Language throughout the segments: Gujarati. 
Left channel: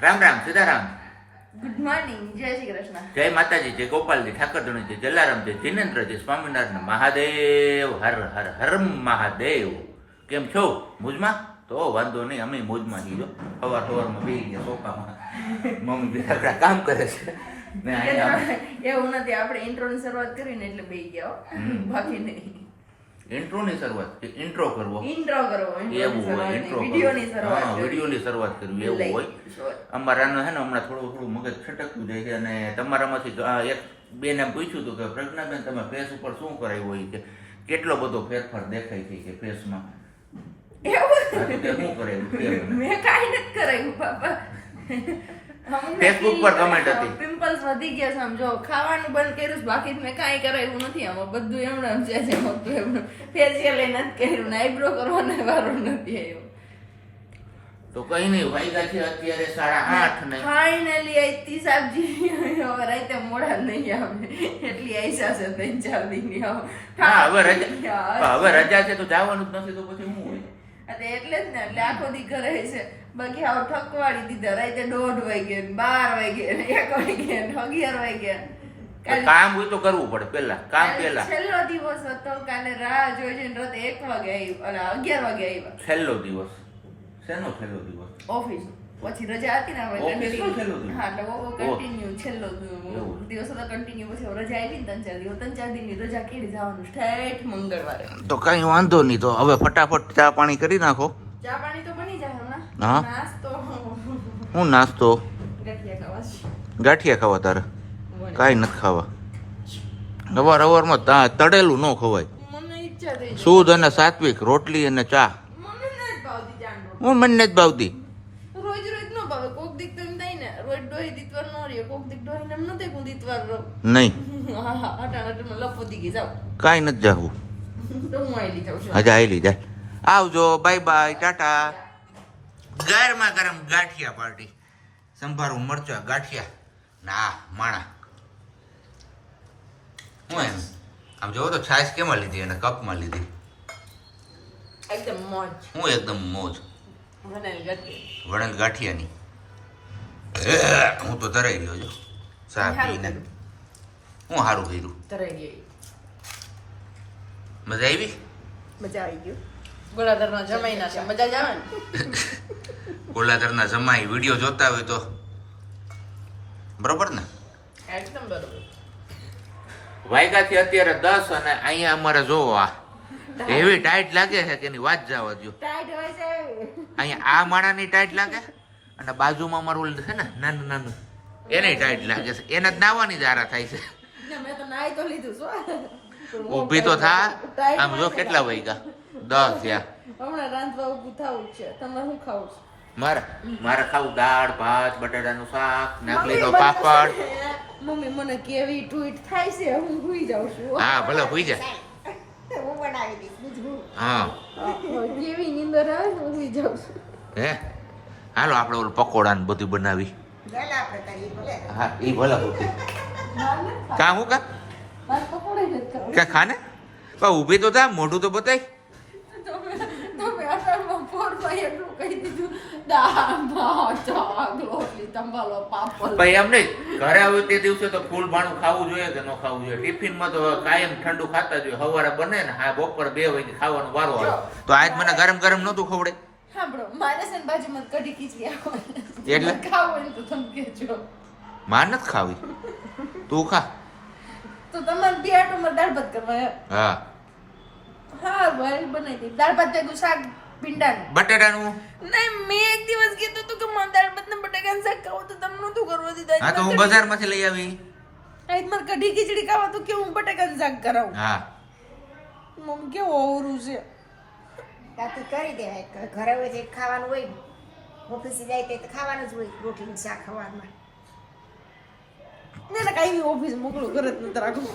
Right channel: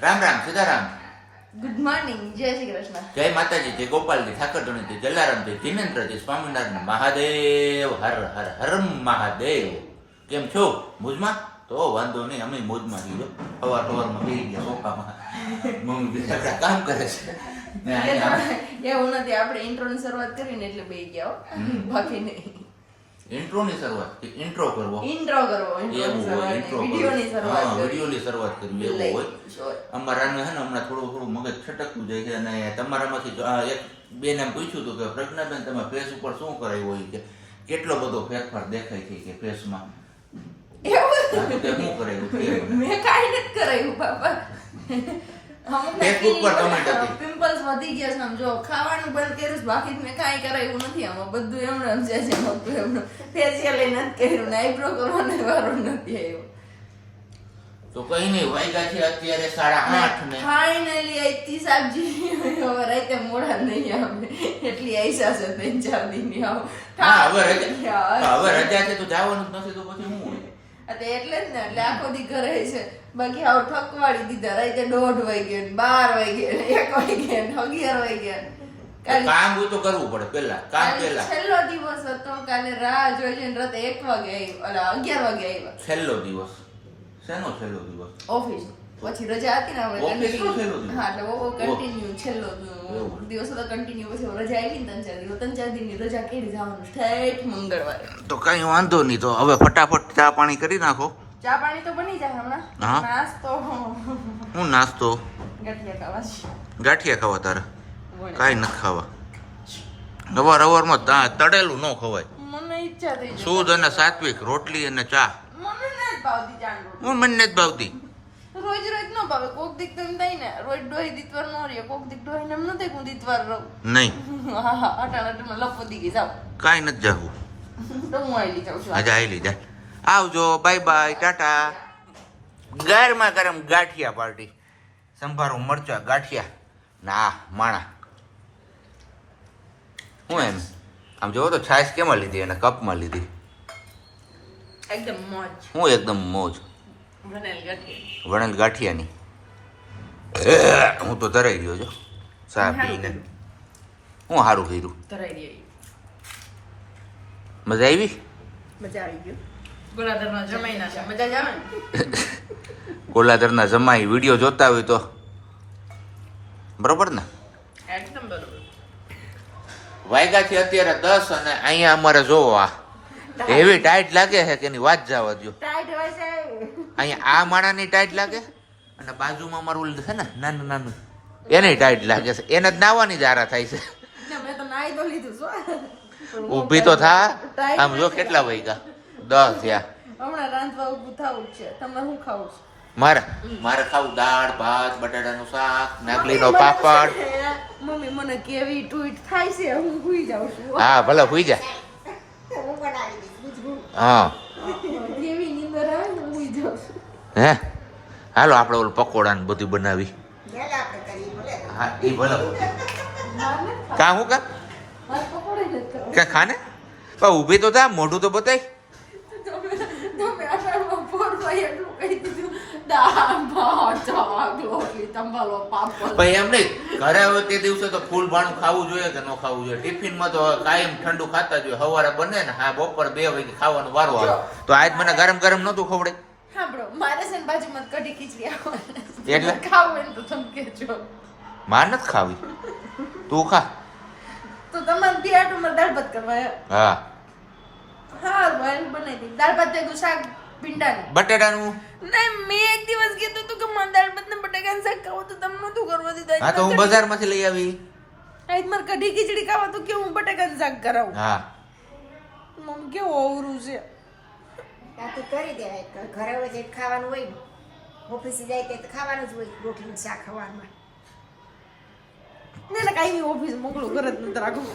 રામ રામ સીતારામ. ગુડ મોર્નિંગ, જય શ્રી કૃષ્ણ. જય માતાજી, જય ગોપાલજી, ઠાકરધણી, જય જલારામજી, જિનેન્દ્રજી, સ્વામિનારાયણ, મહાદેવ, હર હર હર મહાદેવ. કેમ છો? મોજમાં? તો વાંધો નહીં, અમે મોજમાં છીએ. સવારમાં બેસી ગયા સોફામાં, મમ્મી બીજા કામ કરે છે ને અહીંયા એવું નથી, આપણે ઇન્ટ્રોની શરૂઆત કરીને એટલે બેસી ગયા હો. બાકી નહીં. ઇન્ટ્રોની શરૂઆત કે ઇન્ટ્રો કરવો ઇન્ટ્રો કરવો, એવું હોય. ઇન્ટ્રો વિડિયોની શરૂઆત કરવી. વિડીયોની શરૂઆત કરવી એવું હોય. અમારાનું છે ને હમણાં થોડું મગજ છટકતું જાય છે અને તમારામાંથી એક બેન એમ પૂછ્યું હતું કે પ્રજ્ઞાબેન તમે ફેસ ઉપર શું કરાવ્યું હોય કે કેટલો બધો ફેરફાર દેખાય છે કે ફેસમાં શું કરાવ્યું? મેં કાંઈ નથી કરાયું બાપા. ફેસબુક પર કમેન્ટ હતી પિમ્પલ્સ વધી ગયા છે. આમ જો ખાવાનું બંધ કર્યું છે, બાકી મેં કાંઈ કરાયું નથી. આમાં બધું એમણે છે એમનું ફેશિયલ નથી કર્યું ને આઈબ્રો કરવાનો વારો નથી આવ્યો. તો કઈ નહીં, વાગ્યા છે અત્યારે 8:30 ને ફાઇનલી આઈતી સબ્જી. હવે રાતે મોડા નહીં આવે એટલી આઈસા છે 3-4 દિન આવો. હા, હવે રજા છે તો જવાનું જ નથી તો પછી શું હોય? એટલે જ ને, એટલે આખો દી ઘરે છે. બાકી આવું થકવાડી દીધા. રાતે 1:30 વાગે, 12 વાગે, 1 વાગે, 11 વાગ્યા. કામ હોય તો કરવું પડે પેલા. કામ પેલા. છેલ્લો દિવસ હતો કાલે. રાહ જોઈ જોઈને રાતે 1 વાગે આવ્યો, 11 વાગે આવ્યા. છેલ્લો દિવસ શેનો છેલ્લો દિવસ? ઓફિસ પછી રજા હતી ને આપણે ઓફિસનો છેલ્લો દિવસ? હા, એટલે કન્ટિન્યુ છેલ્લો દિવસ હતો. કન્ટિન્યુ પછી રજા આવી ને 3-4 દિવસ. 3-4 દિનની રજા કેડી જવાનું ઠેઠ મંગળવારે. તો કઈ વાંધો નહીં, તો હવે ફટાફટ ચા પાણી કરી નાખો. ચા પાણી તો બની જાય હમણાં. હા. નાસ્તો હું નાસ્તો? ગઠિયા ખાવા છે. ગાંઠિયા ખાવા તારે? કાંઈ નથી ખાવા. અવારમાં તળેલું ન ખવાય. મને ઈચ્છા થઈ છે. શુદ્ધ અને સાત્વિક રોટલી અને ચા. મને નથી ભાવતી ચાંદો. હું મને નથી ભાવતી. રોજ રોજ ન ભાવે. કોક દીક તો એમ થાય ને રોજ ડોહી દીતવાર નો રહે. કોક દીક ડોહી ને એમ ન થાય હું દીતવાર રહું. નહીં, હા હા, અટાણા લપોતી ગઈ જાવ. કાંઈ નથી જાવું. તો હું આવેલી જાઉં છું. આજે આવેલી જા. આવજો, બાય બાય, ટાટા. ગરમા ગરમ ગાંઠિયા પાર્ટી. સંભારું મરચા ગાંઠિયા ના માણા. હું એમ આમ જોવો તો છાશ કેમાં લીધી અને કપમાં લીધી? એકદમ મોજ. હું એકદમ મોજ. વણેલ ગઠિયા. વણેલ ગાંઠિયાની. હું તો ધરાઈ ગયો છો ચા પીને. હું સારું કર્યું. તરાઈ ગઈ. મજા આવી? મજા આવી ગયો. ગોળાધરમાં જમાઈ ના છે. મજા જ આવે ને. ગોલાધરના જમાઈ વિડીયો જોતા હોય તો બરોબર ને? એકદમ બરોબર. વાયગા છે અત્યારે 10 અને અહીંયા અમારે જોવો આ એવી ટાઈટ લાગે છે કે એની વાત જવા દો. ટાઈટ હોય છે. અહીંયા આ માણાની ટાઈટ લાગે અને બાજુમાં અમારું ઓલું છે ને નાનું નાનું એની ટાઈટ લાગે છે. એને જ નાવાની જ આરા થાય છે. મેં તો નાઈ તો લીધું છું. ઊભી તો થા. આમ જો કેટલા વાગ્યા? 10 થયા. હમણાં રાંધવા ઊભું થવું જ છે. તમારે શું ખાવું છે? મારે ખાવું દાળ ભાત બટાટાનું શાક નાગલીનો પાપડ. મમ્મી મને કેવી ટ્વીટ થાય છે. હું ભૂઈ જાઉં છું. હા ભલે હુઈ જા. હા કેવી નીંદર આવે હું ભૂઈ જાઉં છું. હે હાલો આપણે ઓલું પકોડા ને બધું બનાવી. હા એ ભલે કા હું કા પકોડે નથી ખાવું. કે ખાને પણ ઊભી તો થા, મોઢું તો બતાય. તમે અટાણમાં પોરભાઈ એટલું કહી દીધું. દાળ ભાત શાક રોટલી તંબાલો પાપડ. ભાઈ એમ નહીં, ઘરે હોય તે દિવસે તો ફૂલ ભાણું ખાવું જોઈએ કે ન ખાવું જોઈએ? ટિફિનમાં તો કાયમ ઠંડુ ખાતા જોઈએ. સવારે બને ને હા બપોર 2 વાગે ખાવાનું વારો આવે તો આજ મને ગરમ ગરમ નહોતું ખવડે. હા બ્રો, મારે છે ને બાજુમાં કઢી ખીચડી આવે એટલે ખાવું હોય ને તો તમે કહેજો. માર નથી ખાવી, તું ખા. તો તમારે પિયાટોમાં દાળ ભાત કરવા. હા હા ભાઈ બનાવી દે. દાળ ભાત ભેગું શાક ભીંડાનું. બટેટાનું નહીં, મેં એક દિવસ કીધું હતું કે મારે દાળ ભાત ને બટાકાનું શાક ખાવું તો તમે નતું કરવા દીધા. હા તો હું બજારમાંથી લઈ આવી. આજ મારે કઢી ખીચડી ખાવા તો કે હું બટાકાનું શાક કરાવું. હા મમ્મી કેવું અવરું છે. ત્યાંથી કરી દેવાય. ઘરે હોય જે ખાવાનું હોય ને, ઓફિસે જાય તે ખાવાનું જ હોય. રોટલી શાક ખાવાનું. ને કાંઈ ઓફિસ મોકલું ઘરે જ નથી રાખું.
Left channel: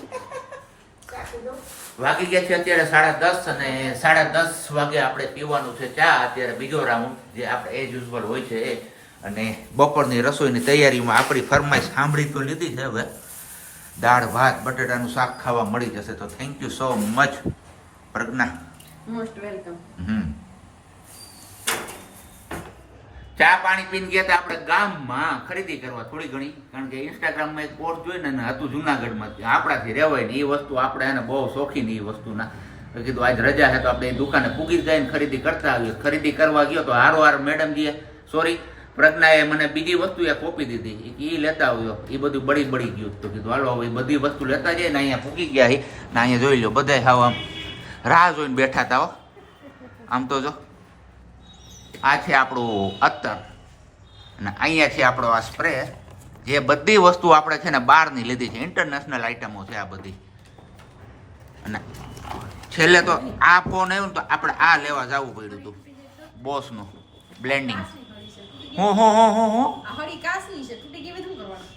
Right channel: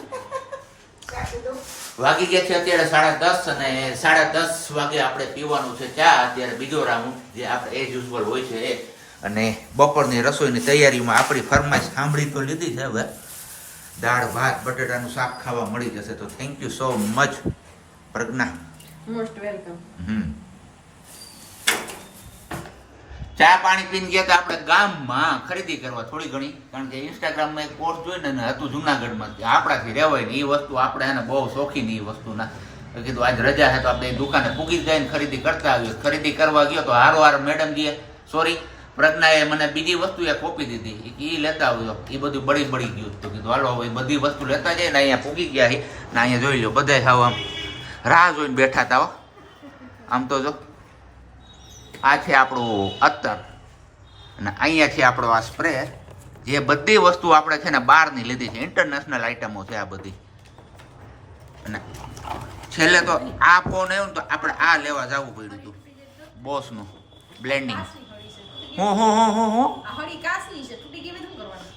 વાગી ગયા છે અત્યારે 10:30 અને 10:30 વાગે આપણે પીવાનું છે ચા. અત્યારે બીજો રાઉન્ડ જે આપણે એઝ યુઝ્યુઅલ હોય છે એ. અને બપોરની રસોઈની તૈયારીમાં આપણી ફરમાઈશ સાંભળી તો લીધી છે. હવે દાળ ભાત બટેટાનું શાક ખાવા મળી જશે તો thank you so much Pragya. Most welcome. ચા પાણી પીને ગયા હતા આપણે ગામમાં ખરીદી કરવા થોડી ઘણી, કારણ કે ઇન્સ્ટાગ્રામમાં એક પોસ્ટ જોઈને ને હતું જુનાગઢમાં કે આપણાથી રહેવાય ને એ વસ્તુ આપણે એને બહુ શોખીન એ વસ્તુના. તો કીધું આજ રજા છે તો આપણે એ દુકાને પૂગી જઈને ખરીદી કરતા આવીએ. ખરીદી કરવા ગયો તો હારો મેડમજીએ સોરી પ્રજ્ઞાએ મને બીજી વસ્તુ એ કોપી દીધી એ લેતા આવ્યો. એ બધું બળી ગયું. તો કીધું હાલો હવે બધી વસ્તુ લેતા જાય ને અહીંયા પૂગી ગયા ને અહીંયા જોઈ લો બધા હાવ આમ રાહ જોઈને બેઠા હતા હો. આમ તો જો આ છે આપણું અત્તર અને અહીંયા છે આપણો આ સ્પ્રે. જે બધી વસ્તુ આપણે છે ને બહારની લીધી છે, ઇન્ટરનેશનલ આઈટમો છે આ બધી. અને છેલ્લે તો આ ફોન આવ્યો ને તો આપણે આ લેવા જવું પડ્યું હતું બોસનું બ્લેન્ડિંગ.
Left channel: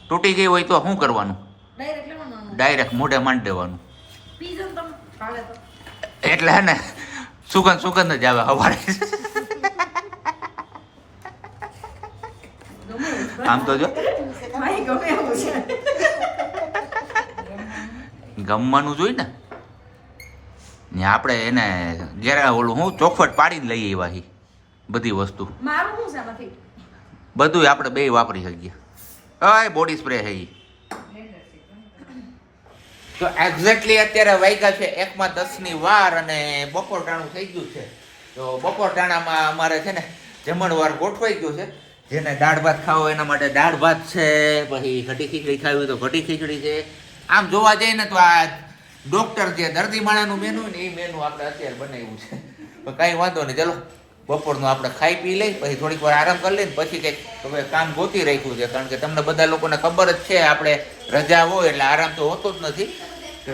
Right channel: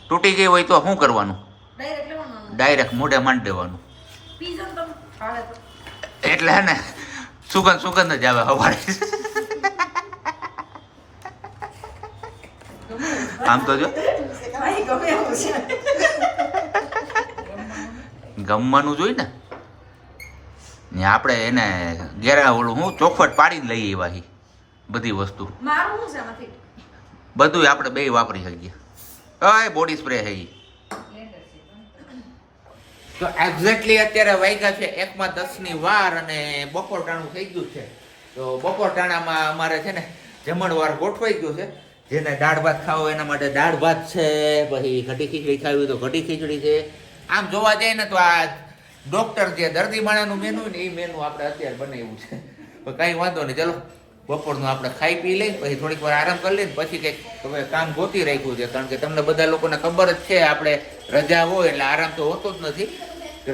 તૂટી ગઈ હોય તો શું કરવાનું? ડાયરેક્ટ મોઢે માંડી દેવાનું. એટલે હે ને સુગંધ જ આવે સવારે. આમ તો જો ગમવાનું જોઈ ને આપણે એને ઘેરા ઓલું હું ચોખવટ પાડીને લઈએ એવા બધી વસ્તુ બધું આપણે બે વાપરી શકીએ. બોડી સ્પ્રે છે તો એક્ઝેક્ટલી અત્યારે વાગ્યા છે 1:10 વાર અને બપોર ટાણું થઈ ગયું છે. તો બપોર ટાણામાં અમારે છે ને જમણવાર ગોઠવાઈ ગયું છે. જેને દાળ ભાત ખાવો એના માટે દાળ ભાત છે, પછી ઘટી ખીચડી ખાવી તો ઘટી ખીચડી છે. આમ જોવા જઈએ ને તો આ ડોક્ટર જે દર્દી માણાનું મેનુ ને એ મેનુ આપણે અત્યારે બનાવ્યું છે. તો કાંઈ વાંધો નહીં, ચલો બપોરનું આપણે ખાઈ પી લઈ, પછી થોડીક વાર આરામ કરી લઈને પછી કંઈક હવે કામ ગોતી રાખ્યું છે. કારણ કે તમને બધા લોકોને ખબર જ છે આપણે રજા હોય એટલે આરામ તો હોતો જ નથી.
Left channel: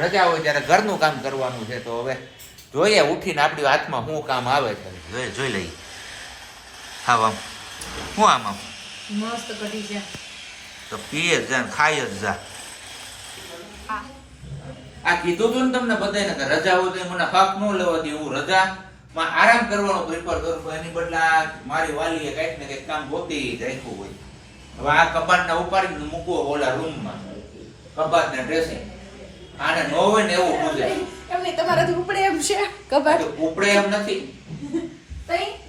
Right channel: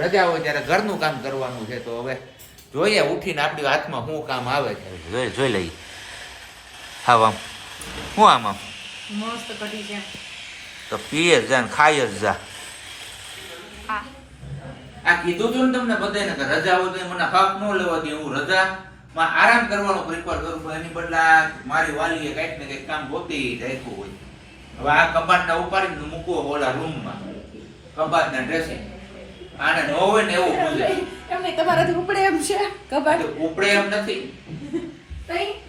રજા હોય ત્યારે ઘરનું કામ કરવાનું છે. તો હવે જોઈએ ઉઠીને આપણી હાથમાં શું કામ આવે છે જોઈ લઈએ. હા આમ શું આમ મસ્ત કઢી છે તો પીએ જ જા ને ખાઈ જ જા. આ કીધું તું ને તમને બધાને કે રજા હોય તો મને હક ન લેવાથી હું રજામાં આરામ કરવાનો પ્રિફર કરું છું. એની બદલા મારી વાલીએ કંઈક ને કંઈક કામ ગોતી રાખ્યું હોય. હવે આ કબાટને ઉપાડીને મૂકવો ઓલા રૂમમાં, કબાટને ડ્રેસિંગ આને ન હોય ને એવું પૂજાય. એમની તમારાથી ઉપડે એમ છે કબાટ? ઉપડે એમ નથી.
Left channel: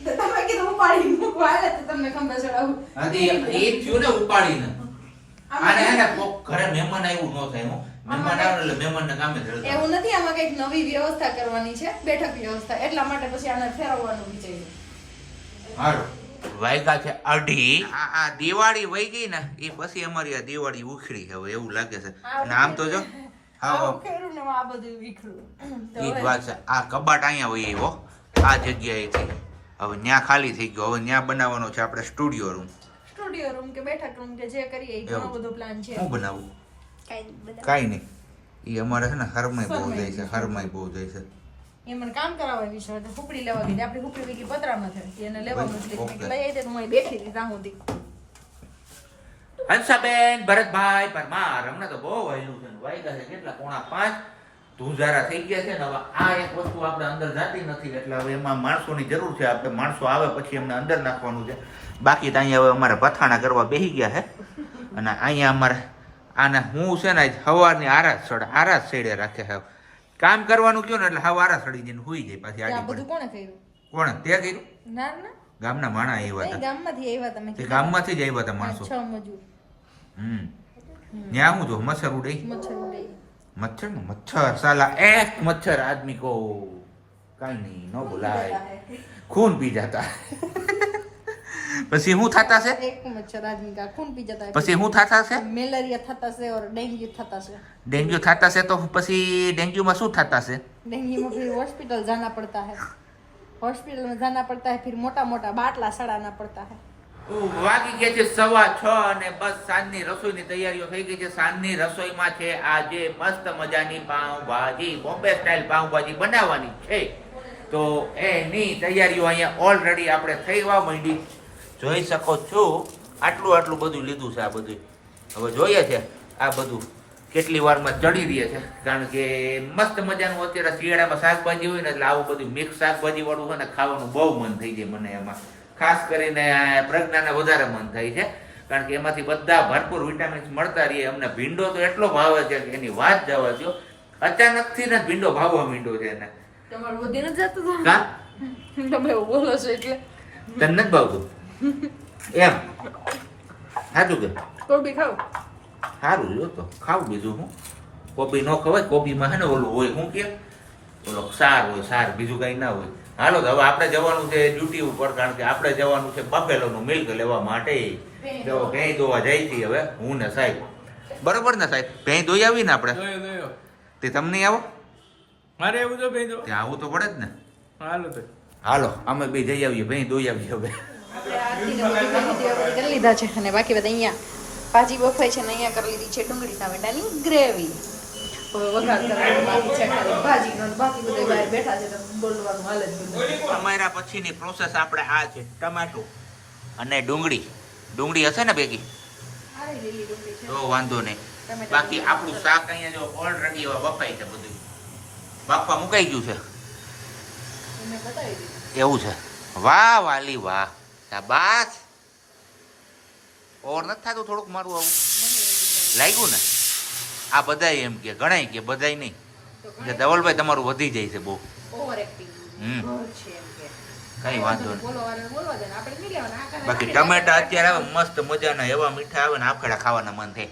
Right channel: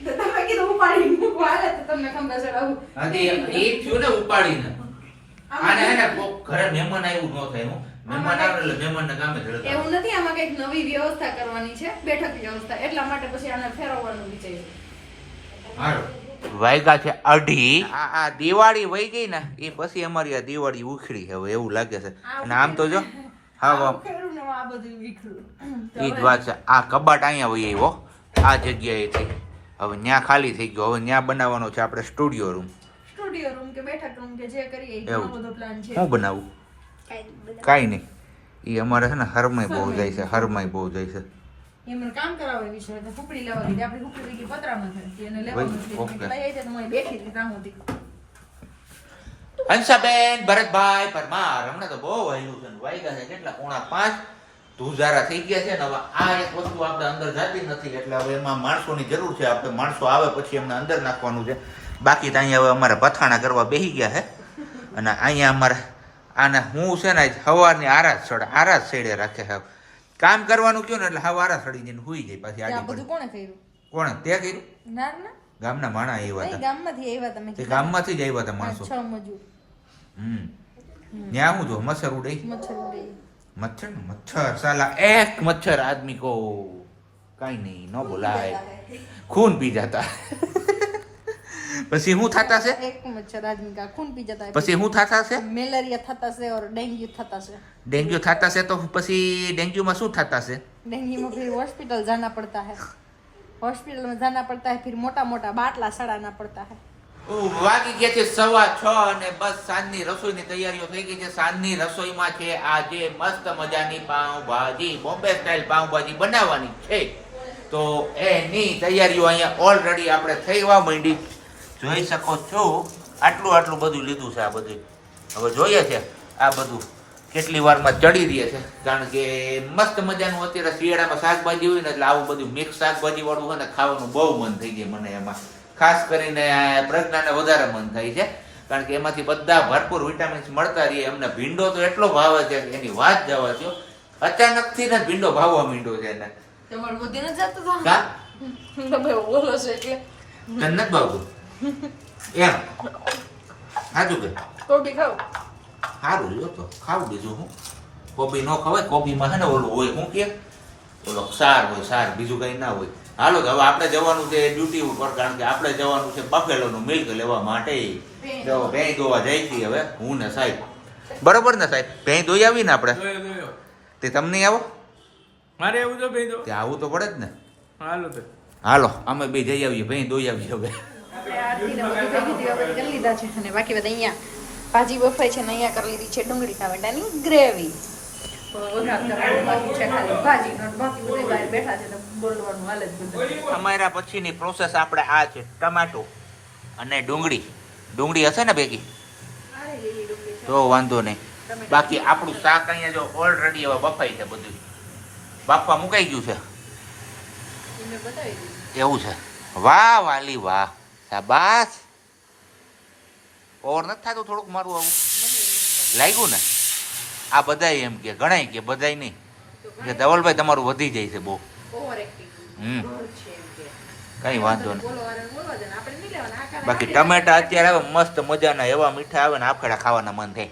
તમે કીધું ઉપાડી મૂકવા હાલે તો તમને ખંભે ચડાવું. હાજી એ થયું ને ઉપાડીને. આને આને ઘરે મહેમાન આવ્યું ન થાય. હું મહેમાન આવે એટલે મહેમાનને કામે ધરતા. એવું નથી, આમાં કઈક નવી વ્યવસ્થા કરવાની છે, બેઠક વ્યવસ્થા, એટલા માટે પછી આને ફેરવવાનું વિચાર્યું. હારો વાયગા છે 2:30. આ દિવાળી વહી ગઈ ને એ પછી અમારી આ દિવાળી ઉખડી હવે એવું લાગે છે. અને આમ તો જો હા ખેરું ને આ બધું વિખરું. ઈ જ વાત છે. આ કબાટ અહીંયા વહી આવ્યો આ જગ્યાએથી. હવે ન્યા ખાલી થઈ ગયો. હવે ન્યા બનાવવાનો છે આપણે સ્ટુડિયો રૂમ. સ્ટુડિયો રૂમ કે બેઠક રૂમ કે જે કરીએ એ ઘણો બધો પ્લાન છે. હું બનાવું કાઈ નહીં. ઈ અમારે છે ને હરમાઈ બહુ જાય છે, હરમાઈ બહુ જાય છે. એ મને કામ કરાવવા વિશે એટલે ફૂકડી લેવા દીધી. આપણી ફૂકડી વીકી પતરામાં છે એને લેવા મુશ્કેલ લઈ આવી તો હું બેઠી હતી ત્યાં સુધી. હંસાબેન ભરતભાઈ પરમાર હમણાં તો બહુ વહેલું છે. વાગ્યા છે કેટલા 4:45 ધુજારા થઈ ગયા છે ને. હવે આ એક વસ્તુ આપણે અંદર જાતી નથી એટલે હવે એમાં માણસોની જરૂર છે. આપણે માણસો આવે પછી એમને અંદર નાખવાનું છે. બાકી તો અહીંયા હવે અમારે પથાણા કરવા બેસી ગયા છે. અને અહીંયા અમારે આને હું છે ને સવારની આરાસ સડે રાખે છે. કામ કરવાનું કયો ને એટલે હવે આરાસ સડી જઈને હુઈ જાય પાછી આ આડી બધું કોણે કર્યું? કોણે તે કર્યું? ના ના ગામના માણા આવ્યા હતા. ગામમાંથી આવ્યા તમે? તે ગામમાંથી જ આવ્યા હતા માણસો. 6 મજૂર. ત્યાં હું જો મચ્છર ઉડે. મચ્છર ઉડે. मच्छर ना मच्छर साला एक मच्छर आदमी को कहीं नहीं न बुलाए खून पी जाता પછી શું થતા છે? એક મચ્છર આદમી કા ખૂન પી જતા है. પછી શું થતા છે? મેલેરિયા થતા છે और डेंगू થતા છે. डेंगू થતા છે તો પછી डेंगू में શું થતા છે? डेंगू में फिर हॉस्पिटल जाना पड़ता है. हॉस्पिटल में जाना पड़ता है, फिर मोटा मोटा बाटला सड़ाना पड़ता है. વાગી ગયા છે 6:15 અને બસ સાંજની રસોઈની તૈયારીઓ થઈ ગઈ છે. સાંજની રસોઈમાં છે આજે મસ્ત મજાની પાઉંભાજી, બોમ્બે સ્ટાઇલ પાઉંભાજી બનાવવાની છે. તો એની તૈયારીઓ અહીંયા ઓલરેડી આપણે થઈવા માંડી. જોઈ શકો છો આટલું બધું લીધું છે. આ બધું હવે જોઈએ છે આ બધું કેટલી વારમાં ચડી રહે છે. કારણ કે મસ્ત મજાનું અત્યારે શિયાળામાં શાકભાજી હોય ને એટલે આવું બધું મિક્સ શાકભાજી વાળું છે ને ખાવાનું બહુ મન થઈ જાય મને. એમાં ખાસ કરીને પ્રજ્ઞાને વધારે મન થાય છે કારણ કે એમાંથી બધા ભરપૂર વિટામિન્સ મળતા રહીએ. અમને ભીંડો તો એટલો ભાવે છે કે એની વાત જવા દો. અચાનકથી ને ભીંડો ભાવવા માંડ્યો છે એને. તમારું વધીને જતું કા તમે બોલો છો એટલે તને નથી ભાવતું? એમ સાચું કે કોબી ખાવ સારું જો તો ખાવું બીજું હું કોબી ન ખવાય કોબીમાં છે ને ઓલું હોય શું કે ઓલો સાર હોય સાર બીજું કંઈ ના હોય હાલો તો હવે આપણે જવાનું છે ડ્યુટી ઉપર કારણ કે આપણે જવાનું છે બફેલોનું મિલ્ક લેવા માટે તો ભેં દોવા જાય છે હવે હું ને સાહેબ બરોબર ને સાહેબ ભેં દોઈ આવી ને આપણે તે તમને આવો મારે એવું તો ભાઈ તો તે આવું તો પડે જ ને હાલો તો હાલો અમે બે જઈ આવીએ ભેં દોઈ આવીએ હવે કરી લીધા છે અને બાકી બધા અહીંયા ભાજી બફાઈ છે ને અહીંયા કરી લીધી છે ડુંગળી ટામેટાની ગ્રેવી વઘાર કરવાનો બાકી છે ખાલી ભાજી બાકી બધા બહાર બેઠા છે તો બોલવાનું હાલે જ બધું અમારા પછીની પ્રોસેસ આપણે આ છે ટમાટો અને ડુંગળી ડુંગળી હશે ને ભેગી તો વાંધો નહીં બાકી આપણું શાક અહીંયા જો ઓલરેડી હવે બફાઈ છે બધું બાફવા મુકાઈ ગયું છે એને બતાવી દીધું એવું છે વાહ વાલી વાહ શાબાશ ઓર નથી થતું થોડુંક મારું આવું લાગ્યું ને આ બધાય એમ કે ગણાય કે બધાય નહીં કે ધવલભાઈ તમારું વધી જાય છે બહુ ઓવર એક્ટિંગ હમ છે એમ કે કઈ વાંધો નહીં બોલવા દે ને આપણે નહીં લેવાના આ કાલા બાકી ટમેટા અત્યારે આવે મસ્ત મજાના એવા મીઠા આવે ને આફેડા ખાવાના મન થાય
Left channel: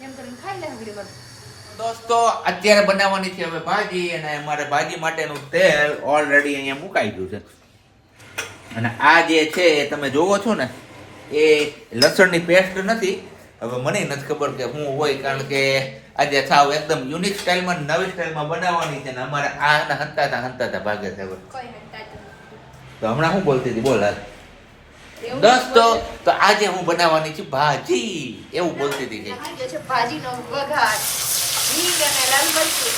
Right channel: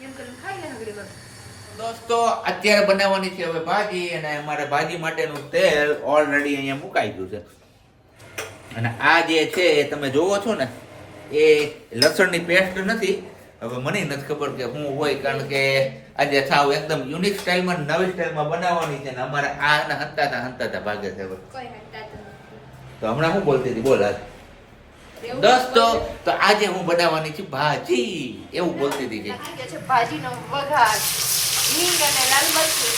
એમ કરીને ખાઈ લે આગળ બધું દોસ્તો અત્યારે બનાવવાની છે હવે ભાજી અને અમારે ભાજી માટેનું તેલ ઓલરેડી અહીંયા મુકાઈ ગયું છે અને આ જે છે એ તમે જોવો છો ને એ લસણની પેસ્ટ નથી હવે મને નથી ખબર કે શું હોય કારણ કે આજે સાવ એકદમ યુનિક સ્ટાઇલમાં નવી સ્ટાઇલમાં બનાવવાની છે ને અમારે આ હંતાતા ભાગે છે હવે કોઈ હંતાતું તો હમણાં શું બોલતી હતી બોલ હાલ. દોસ્તો તો આજે હું બનાવવાની છું ભાજી એવું બોલતી હતી કે જે છે ભાજીનો વઘાર હિંગ અને લાલ મરચું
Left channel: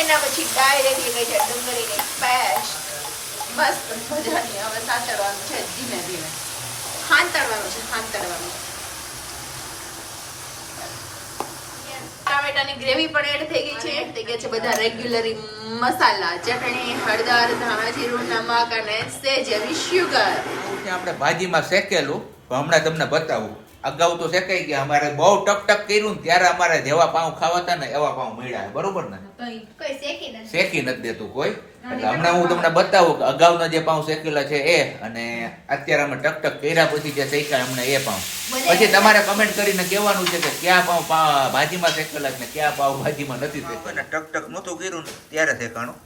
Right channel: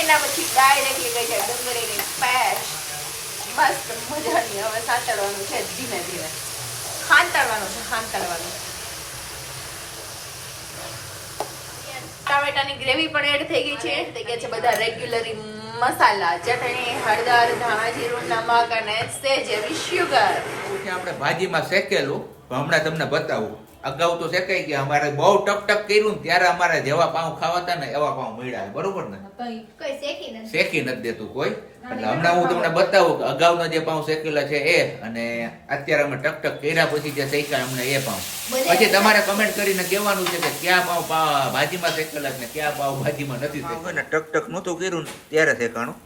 એના પછી ડાયરેક્ટ ગઈ છે ડુંગળીની પેસ્ટ મસ્ત મજાની હવે સાંતળવાનું છે ધીમે ધીમે હાંતળવાનું છે હાંતળવાનું ટામેટાની ગ્રેવી પણ એડ થઈ ગઈ છે થઈ ગયા છે બધા રેગ્યુલરી મસાલા ચટણી હળદર ધાણા જીરું નમક અને સેજ એવી શુગર આવું છે આપણે ભાજીમાં શેકેલું પણ હમણાં તમને બતાવું અગાઉ તો શેકાઈ ગયા અમારે બહુ ટક કર્યું ને ત્યારે અમારે જેવા પાઉં ખાવાતા ને એવા પાઉં મળ્યા છે, બરોબર ને કોઈ શેકી નથી શેકી નથી દેતું કોઈ એટલે હમણાં હું તમને બતાવું કે અગાઉના જે પાઉં શેકેલા છે એ અને અત્યારે અમે ટક કર્યા પછી જે શેક્યા હમણાં એ પાઉં પછી તમારે કમેન્ટ કરીને કહેવાનું છે કે ક્યાં પાઉં ભાજીમાં શેકેલા છે ને ક્યાં પાઉં ભાજીમાં નથી શેકેલા ને ટક નહોતું કર્યું ને ત્યારે શેકાણું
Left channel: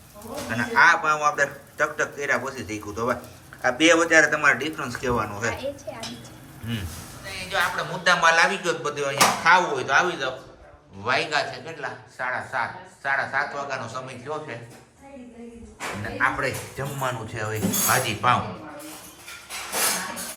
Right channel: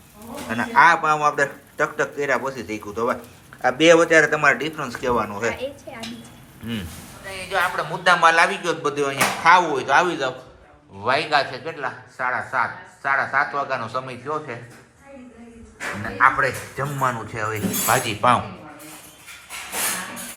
અને આ પાઉં આપણે ટક કર્યા પછી શીખ્યું તો હવે આ બે વચ્ચે તમારે ડિફરન્સ કહેવાનું છે એ છે આની છે. અને જો આપણે મુદ્દા માલ આવી ગયો તો બધું અહીંયા ખાવું હોય તો આવી જાવ વાગ્યા છે કેટલા 7:30 વાગ્યાનો સમય થયો છે અને આપણે જમવાનું છે હવે ભાજી પાઉં